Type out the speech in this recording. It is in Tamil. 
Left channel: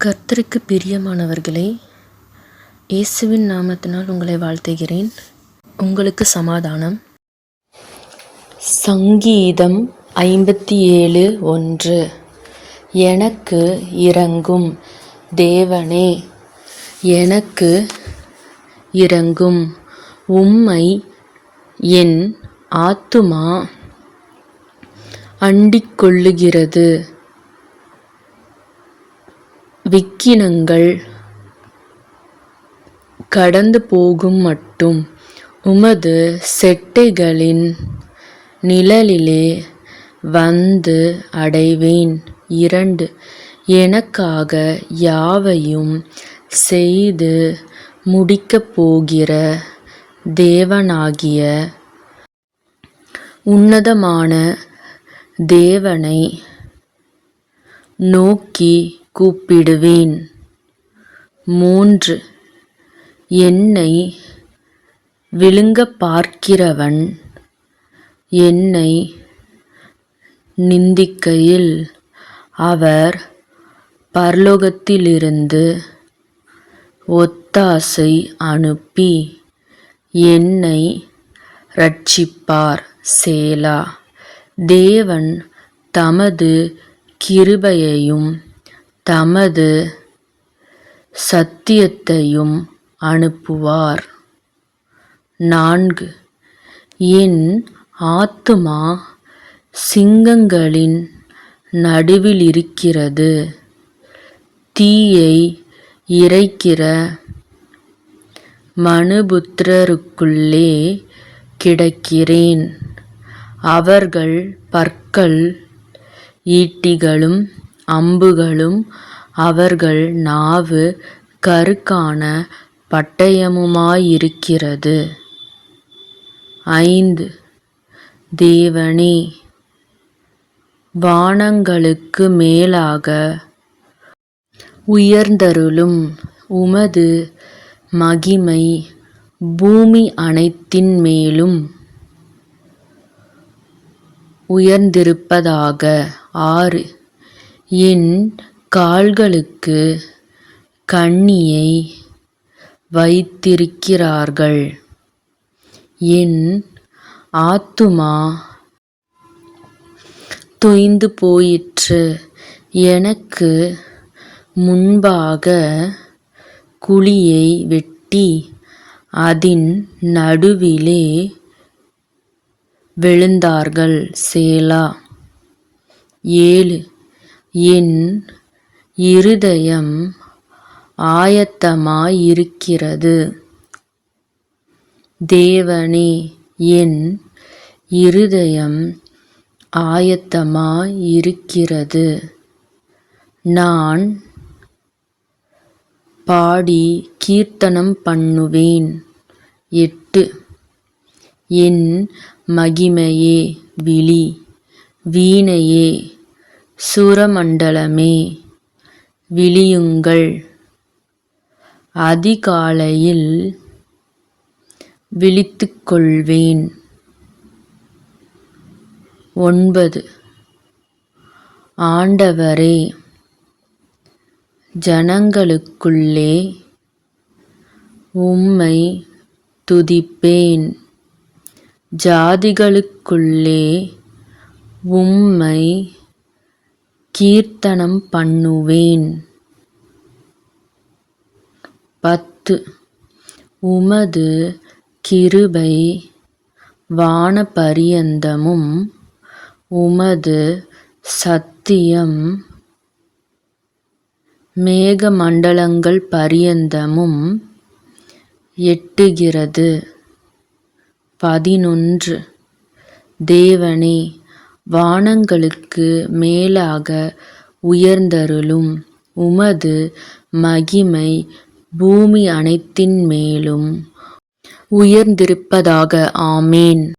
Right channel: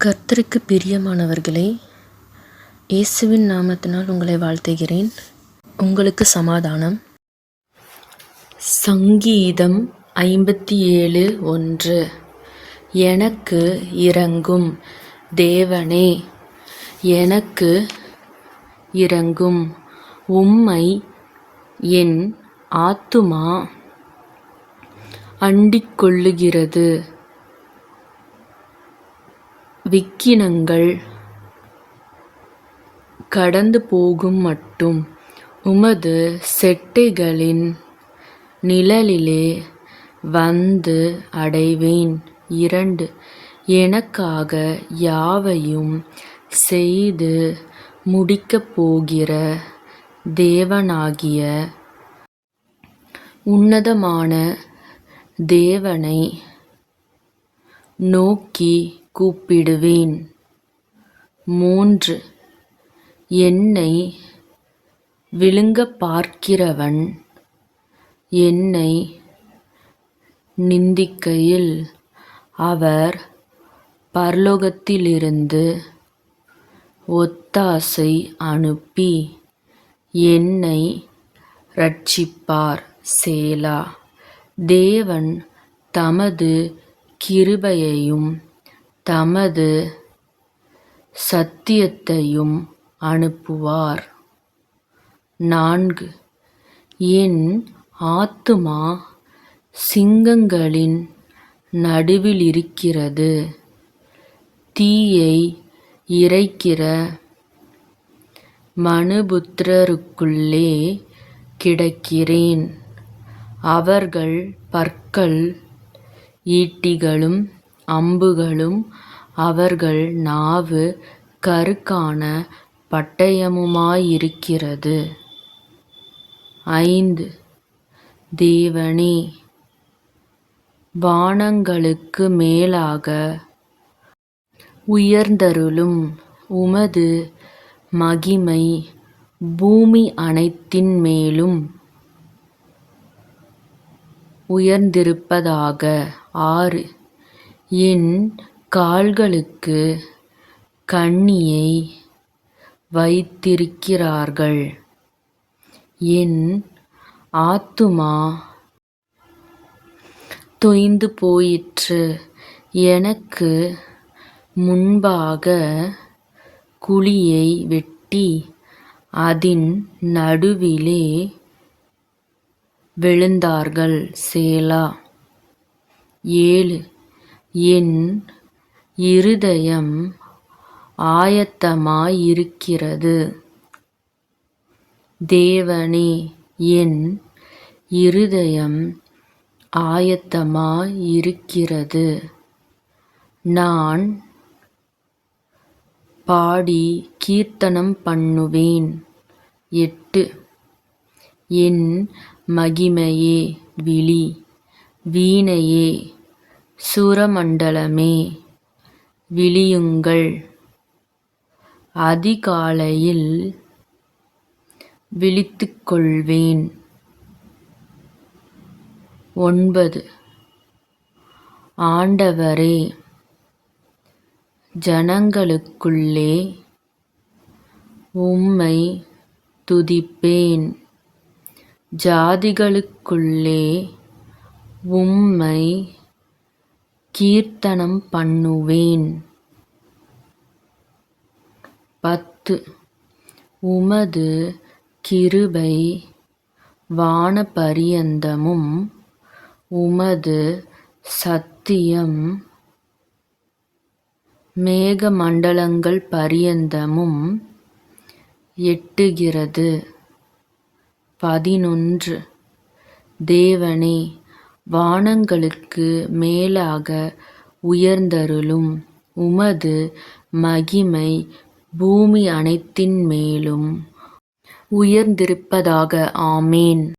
கர்த்தருக்கு பிரியமானவர்களே, இயேசுவின் நாமத்தினால் உங்களை வாழ்த்துகிறேன். உங்களுக்கு சமாதானம். சங்கீதம் 57:1. எனக்கு இரங்கும் தேவனே, எனக்கு இரங்கும். உம்மை என் ஆத்துமா அண்டிக் கொள்ளுகிறது. விக்கினங்கள் கடந்து போகும் மட்டும் உமது செட்டைகளின் நிழலிலே வந்து அடைவேன். 2. எனக்காக யாவையும் செய்து முடிக்கப் போகிற தேவனாகிய உன்னதமான தேவனை நோக்கி கூப்பிடுவேன். 3. என்னை விழுங்கப் பார்க்கிறவன் என்னை நிந்திக்கையில் அவர் பரலோகத்திலிருந்து ஒத்தாசை அனுப்பி என்னை இரட்சிப்பார். சேலா. தேவன் தமது கிருபையையும் தமது சத்தியத்தையும் அனுப்புவார். 4. என் ஆத்துமா சிங்கங்களின் நடுவிலிருக்கிறது. தீயை இறைக்கிற மனுபுத்திரருக்குள்ளே கிடக்கிறேன். அவர்கள் பற்கள் ஈட்டிகளும் அம்புகளும் அவர்கள் நாவு கருக்கான பட்டயமுமாயிருக்கிறது. 5. தேவனே, வானங்களுக்கு மேலாக உயர்ந்தருளும். உமது மகிமை பூமி அனைத்தின் மேலும் உயர்ந்திருப்பதாக. 6. என் கால்களுக்கு கண்ணியை வைத்திருக்கிறார்கள். என் ஆத்துமா தொய்ந்து போயிற்று. எனக்கு முன்பாக குழியை வெட்டி அதின் நடுவிலே விழுந்தார்கள். சேலா. 7. என் இருதயம் ஆயத்தமாயிருக்கிறது. தேவனே, என் இருதயம் ஆயத்தமாயிருக்கிறது. நான் பாடி கீர்த்தனம் பண்ணுவேன். 8. என் மகிமையே, விழி. வீணையே, சுரமண்டலமே, விழியுங்கள். அதிகாலையில் விழித்துக்கொள்வேன். 9. ஆண்டவரே, ஜனங்களுக்குள்ளே உம்மை துதிப்பேன். ஜாதிகளுக்குள்ளே உம்மை கீர்த்தனம் பண்ணுவேன். 10. உமது கிருபை வானபரியந்தமும் உமது சத்தியம் மேகமண்டலங்கள் பரியந்தமும் எட்டுகிறது. 11. தேவனே, வானங்களுக்கு மேலாக உயர்ந்தருளும். உமது மகிமை பூமி அனைத்தின் மேலும் உயர்ந்திருப்பதாக. ஆமேன்.